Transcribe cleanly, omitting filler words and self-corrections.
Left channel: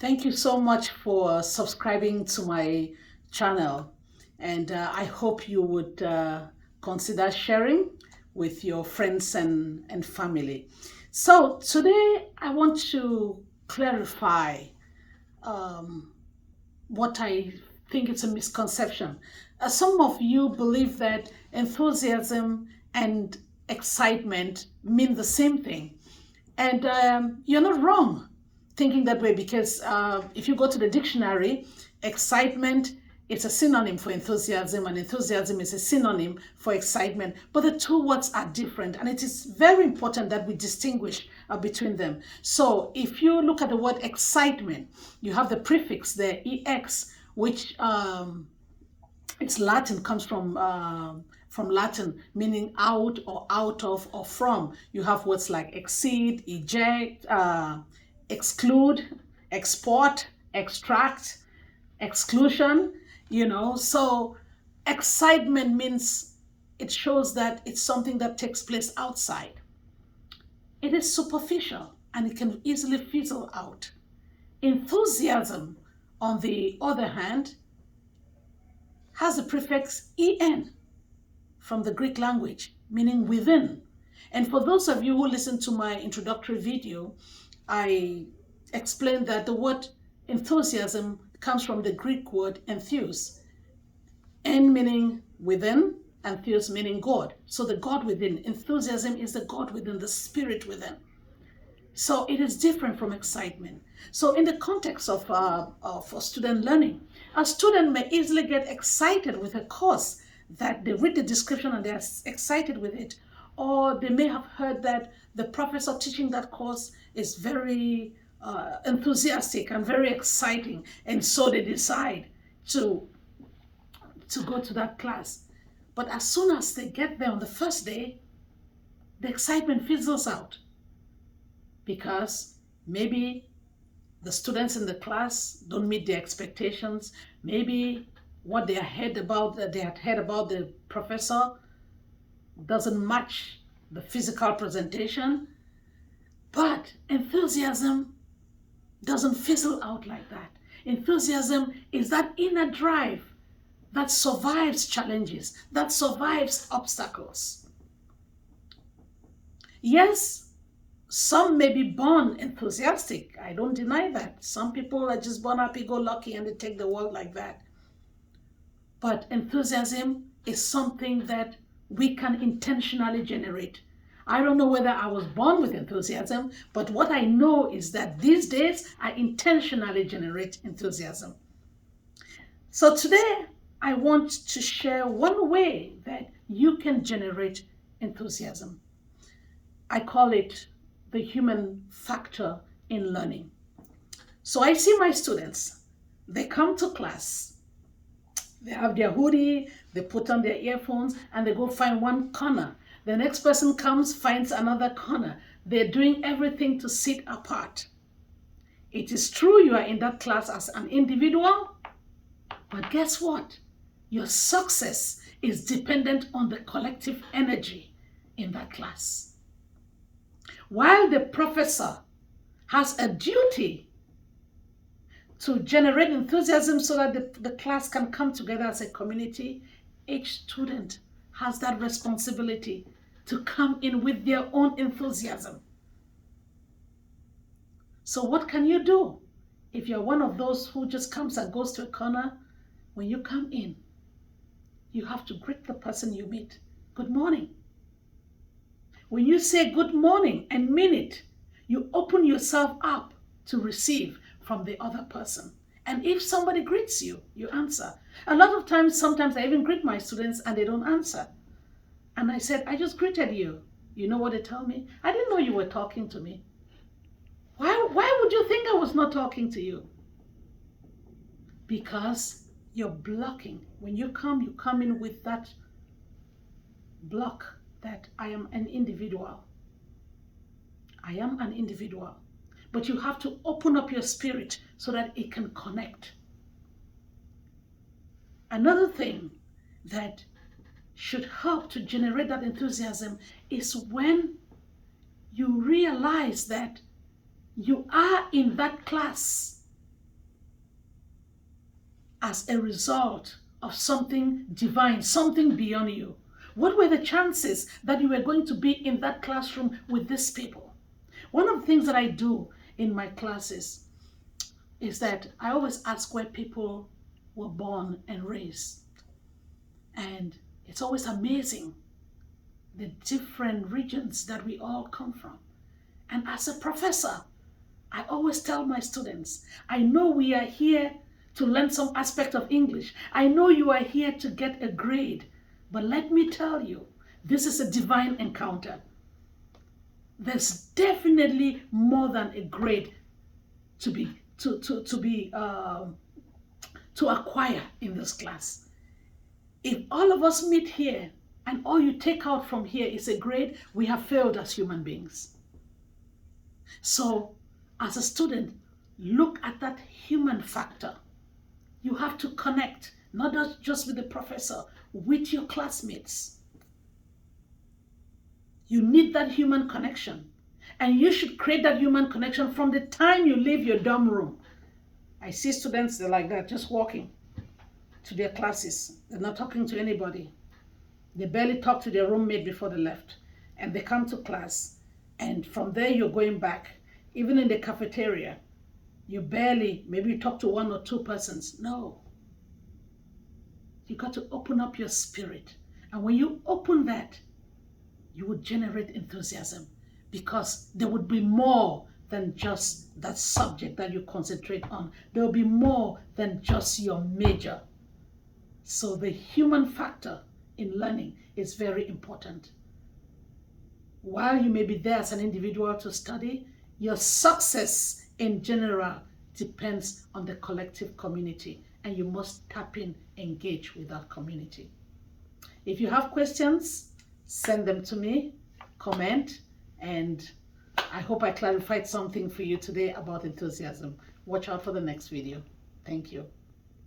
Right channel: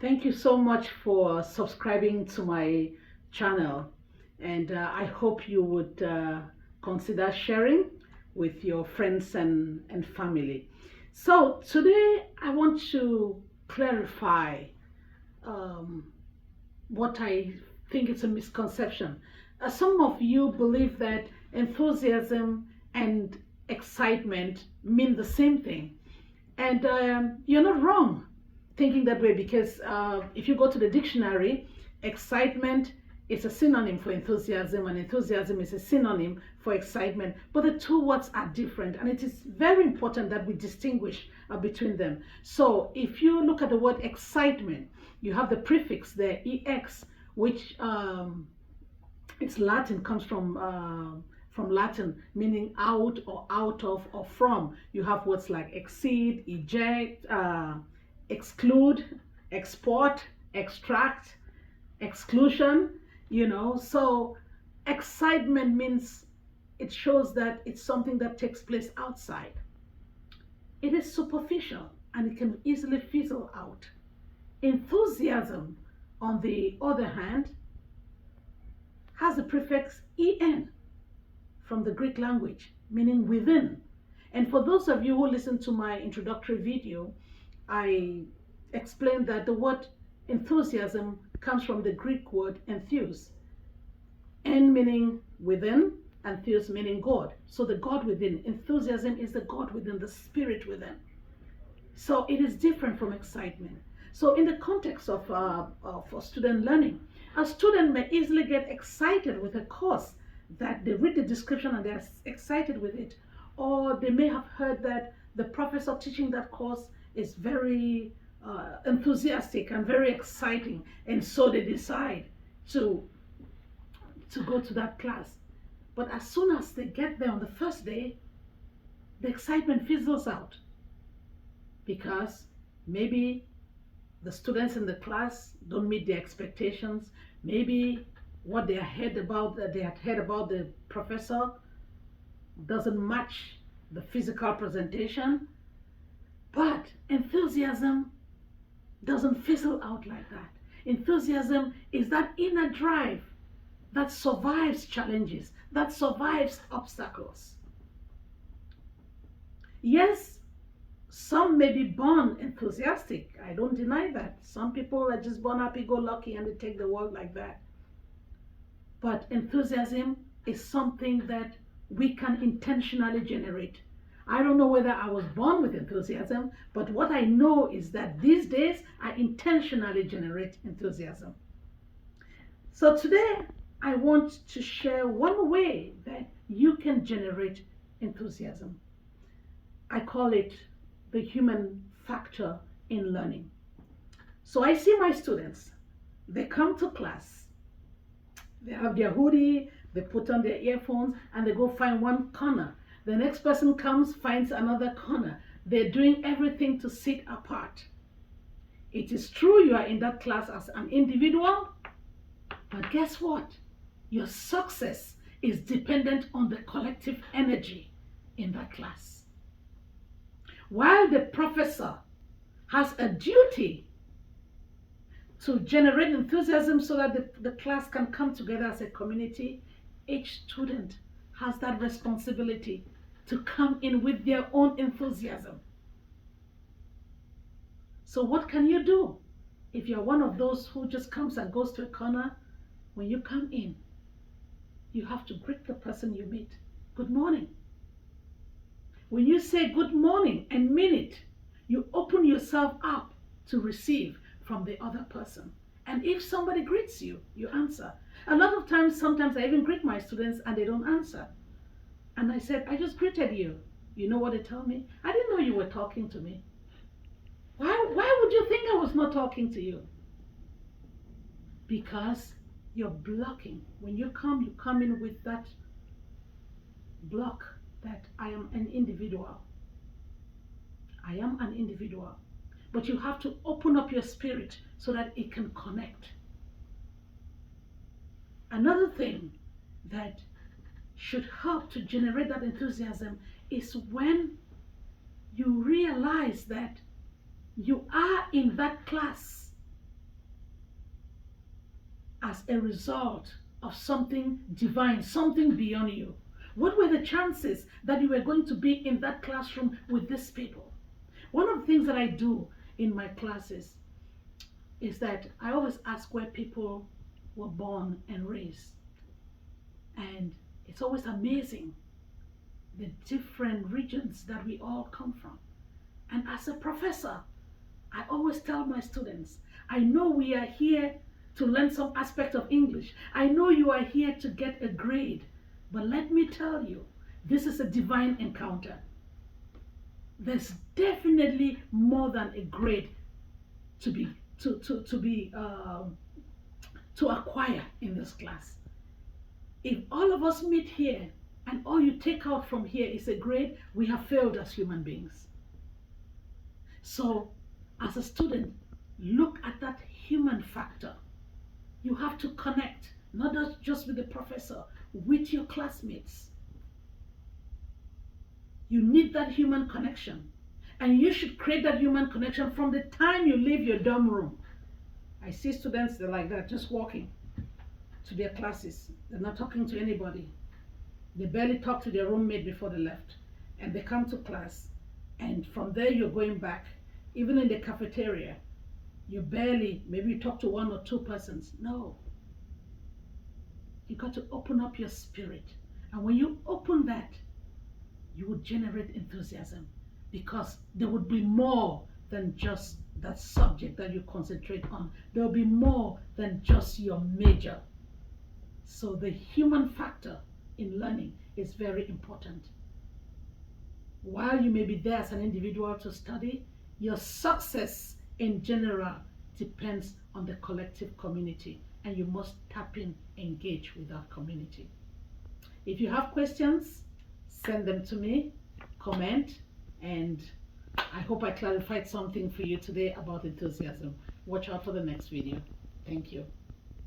Thank you so much for subscribing to my channel, and I hope you would consider sharing with your friends and family. So today I want to clarify um, what I think it's a misconception. Some of you believe that enthusiasm and excitement mean the same thing. And you're not wrong thinking that way because if you go to the dictionary, excitement is a synonym for enthusiasm, and enthusiasm is a synonym for excitement. But the two words are different, and it is very important that we distinguish between them. So if you look at the word excitement, you have the prefix there, ex, which it's Latin, comes from Latin, meaning out or out of or from. You have words like exceed, eject, exclude, export, extract, exclusion, So excitement means it shows that it's something that takes place outside. It is superficial and it can easily fizzle out. Enthusiasm, on the other hand, has the prefix en from the Greek language, meaning within. And for those of you who listened to my introductory video, I explained that the word enthusiasm comes from the Greek word entheus, en meaning within, and theos meaning God. So the God within. Enthusiasm is the God within, the spirit within. So it is different from excitement. So in the context of student learning, a student may easily get excited with a course that they read the description and they're excited with it. Or they may have heard that the professor teaching that course is very enthusiastic and very exciting. And so they decide to, to go to that class. But as soon as they get there on the first day, the excitement fizzles out because maybe the students in the class don't meet their expectations. Maybe what they had heard about the professor doesn't match the physical presentation. But enthusiasm doesn't fizzle out like that. Enthusiasm is that inner drive that survives challenges, that survives obstacles. Yes, some may be born enthusiastic. I don't deny that. Some people are just born happy-go-lucky and they take the world like that. But enthusiasm is something that we can intentionally generate. I don't know whether I was born with enthusiasm, but what I know is that these days I intentionally generate enthusiasm. So today I want to share one way that you can generate enthusiasm. I call it the human factor in learning. So I see my students, they come to class, they have their hoodie, they put on their earphones, and they go find one corner. The next person comes, finds another corner. They're doing everything to sit apart. It is true you are in that class as an individual, but guess what? Your success is dependent on the collective energy in that class. While the professor has a duty to generate enthusiasm so that the class can come together as a community, each student has that responsibility to come in with their own enthusiasm. So what can you do? If you're one of those who just comes and goes to a corner, when you come in, you have to greet the person you meet. Good morning. When you say good morning and mean it, you open yourself up to receive from the other person. And if somebody greets you, you answer. A lot of times, sometimes I even greet my students and they don't answer. And I said, I just greeted you. You know what they tell me? I didn't know you were talking to me. Why would you think I was not talking to you? Because you're blocking. When you come in with that block that I am an individual. I am an individual. But you have to open up your spirit so that it can connect. Another thing that should help to generate that enthusiasm is when you realize that you are in that class as a result of something divine, something beyond you? What were the chances that you were going to be in that classroom with these people? One of the things that I do in my classes is that I always ask where people were born and raised. And it's always amazing the different regions that we all come from. And as a professor, I always tell my students, I know we are here to learn some aspect of English. I know you are here to get a grade, but let me tell you, this is a divine encounter. There's definitely more than a grade to acquire in this class. If all of us meet here and all you take out from here is a grade, we have failed as human beings. So as a student, look at that human factor. You have to connect, not just with the professor, with your classmates. You need that human connection. And you should create that human connection from the time you leave your dorm room. I see students, they're like that, just walking to their classes. They're not talking to anybody. They barely talk to their roommate before they left. And they come to class. And from there, you're going back. Even in the cafeteria, you barely, maybe you talk to one or two persons. No. You got to open up your spirit. And when you open that, you would generate enthusiasm, because there would be more than just that subject that you concentrate on. There will be more than just your major. So the human factor in learning is very important. While you may be there as an individual to study, your success in general depends on the collective community, and you must tap in, engage with that community. If you have questions, send them to me, comment, and I hope I clarified something for you today about enthusiasm. Watch out for the next video. Thank you.